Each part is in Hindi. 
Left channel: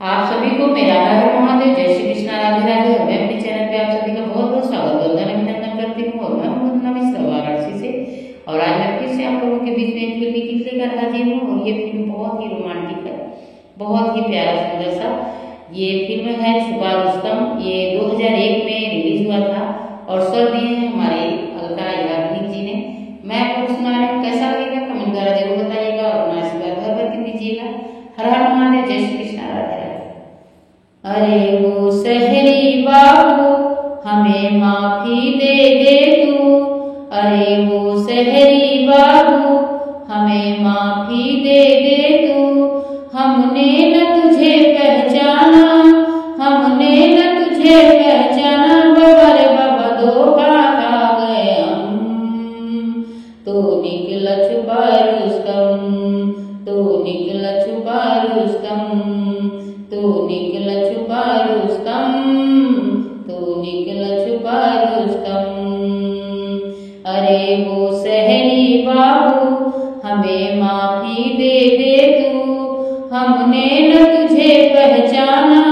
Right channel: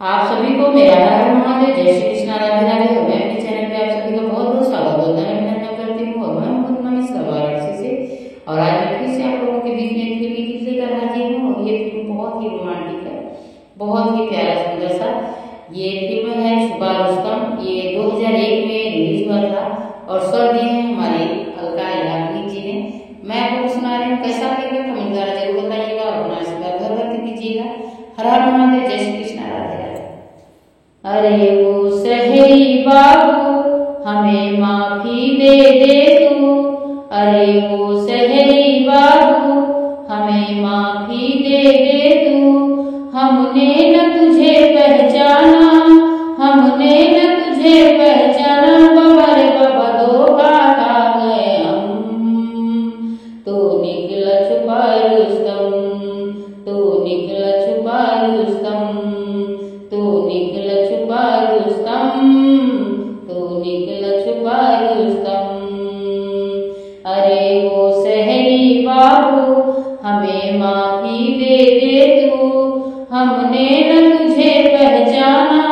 आप सभी को मेरा हर हर महादेव, जय श्री कृष्णा, राधे राधे। और मैं अपने चैनल पे आप सभी का बहुत बहुत स्वागत वंदन अभिनंदन करती हूँ। और मैं वंदना मिश्रा वाराणसी से। और आज मैं फिर से आप लोगों के बीच में एक फिल्मी गीत लेकर हाजिर हूँ। और ये फिल्म बहुत ही रोमांटिक है, बहुत ही प्यारा सुंदर सा ये फिल्म है छुपा रुस्तम। ये 2001 में रिलीज हुआ था और स्वर दिए हैं हमारे अलका याग्निक जी ने। मैं आपको सुना रही हूँ, कैसा लगेगा कमेंट द्वारा जरूर बताइएगा और अपना आशीर्वाद घर भर के दीजिएगा। हर हर महादेव, जय श्री कृष्णा, राधे राधे। अरे वो सहेली बाबू हमें माफी दे दे तू, अरे वो सहेली बाबू हमें माफी दे दे तू। हमने न तुझे पहचाना, हमने न तुझे पहचाना, बाबा रे बाबा धोखा खा गए हम। तू निकला छुपा रुस्तम, तू निकला छुपा रुस्तम, तू निकला छुपा रुस्तम, तू निकला छुपा रुस्तम। अरे वो सहेली बाबू हमें माफी दे दे तू, हमने न तुझे पहचाना,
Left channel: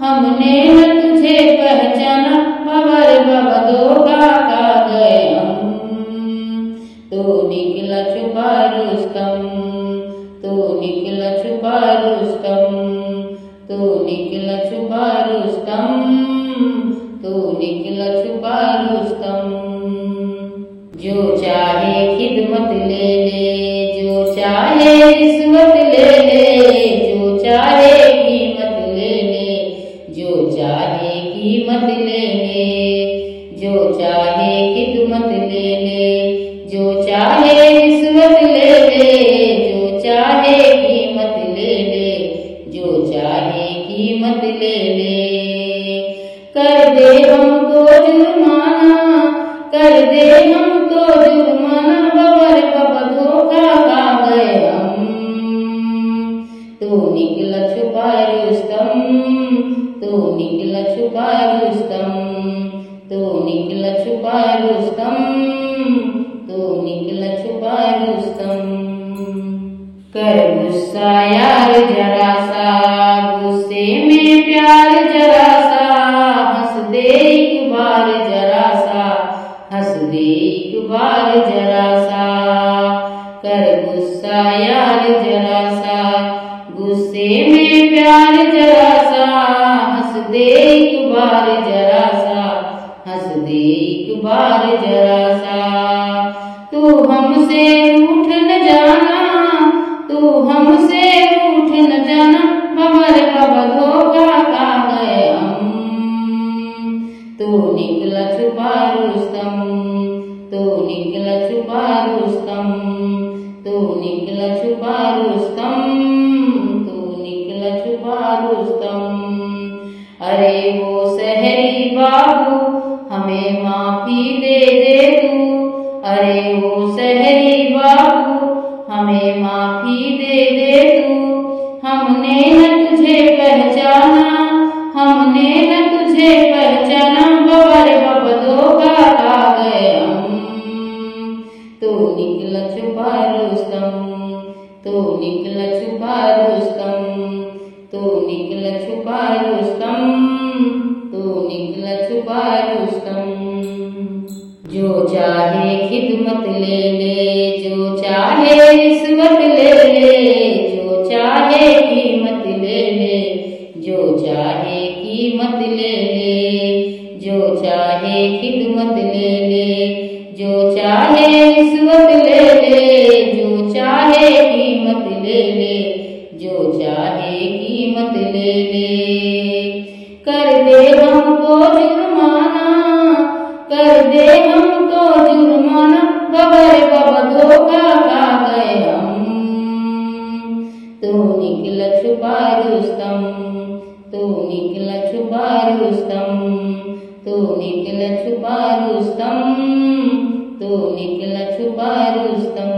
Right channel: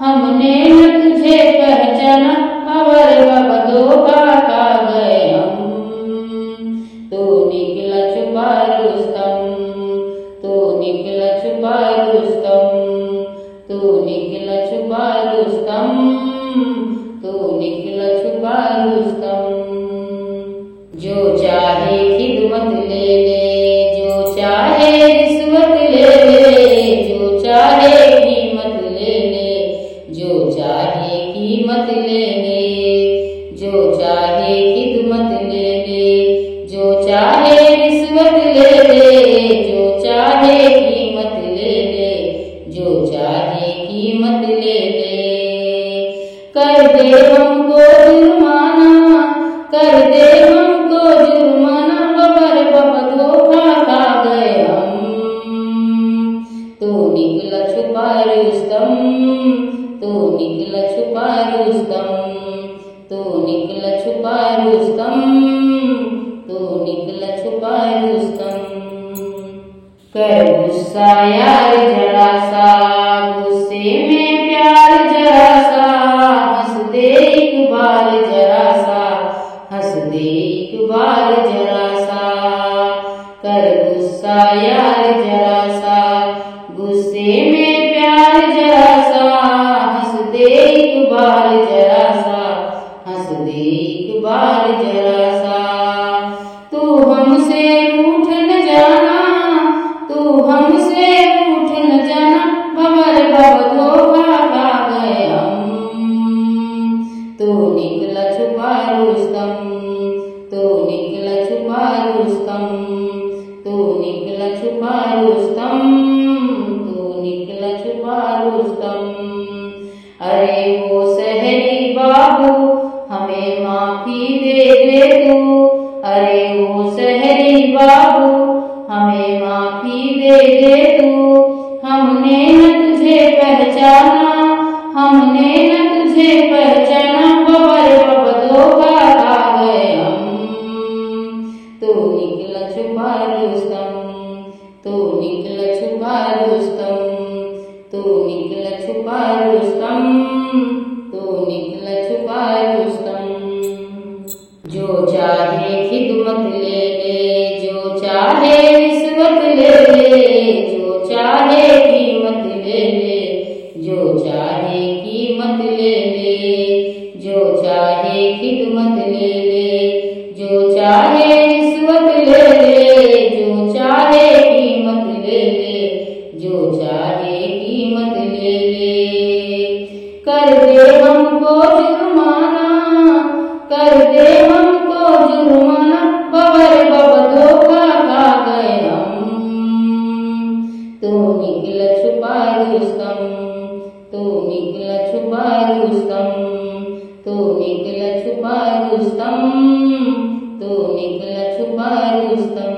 हमने न तुझे पहचाना, बाबा रे बाबा धोखा खा गए हम। तू निकला छुपा रुस्तम, तू निकला छुपा रुस्तम, तू निकला छुपा रुस्तम, तू निकला छुपा रुस्तम। जो चाहे खिदमत ले ले, जो चाहे रिश्वत ले ले, जो चाहे कीमत ले ले, जो चाहे कीमत ले ले, जो चाहे खिदमत ले ले, जो चाहे रिश्वत ले ले, जो चाहे कीमत ले ले, जो चाहे कीमत ले ले। कर दे हमको जुर्माना, कर दे हमको जुर्माना, बाबा रे बाबा धोखा खा गए हम। तू निकला छुपा रुस्तम, तू निकला छुपा रुस्तम, तू निकला छुपा रुस्तम, तू निकला छुपा रुस्तम। कर गुस्सा यार जरा सा, गुस्से में प्यार जरा सा, हंस दे एक बार जरा सा, हंस दे एक बार जरा सा। कर गुस्सा यार जरा सा, गुस्से में प्यार जरा सा, हंस दे एक बार जरा सा, हंस दे एक बार जरा सा। तू हमसे रूठ न जाना, तू हमसे रूठ न जाना, बाबा रे बाबा धोखा खा गए हम। तू निकला छुपा रुस्तम, तू निकला छुपा रुस्तम, तू निकला छुपा रुस्तम, तू निकला छुपा रुस्तम। अरे वो सहेली बाबू हमें माफी दे दे तू, अरे वो सहेली बाबू हमें माफी दे दे तू। हमने न तुझे पहचाना, हमने न तुझे पहचाना, बाबा रे बाबा धोखा खा गए हम। तू निकला छुपा रुस्तम, तू निकला छुपा रुस्तम, तू निकला छुपा रुस्तम, तू निकला छुपा रुस्तम। जो चाहे खिदमत ले ले, जो चाहे रिश्वत ले ले, जो चाहे कीमत ले ले, जो चाहे कीमत ले ले, जो चाहे खिदमत ले ले, जो चाहे रिश्वत ले ले, जो चाहे कीमत ले ले, जो चाहे कीमत ले ले। कर दे हमको जुर्माना, कर दे हमको जुर्माना, बाबा रे बाबा धोखा खा गए हम। तू निकला छुपा रुस्तम, तू निकला छुपा रुस्तम, तू निकला छुपा रुस्तम, तू निकला छुपा रुस्तम।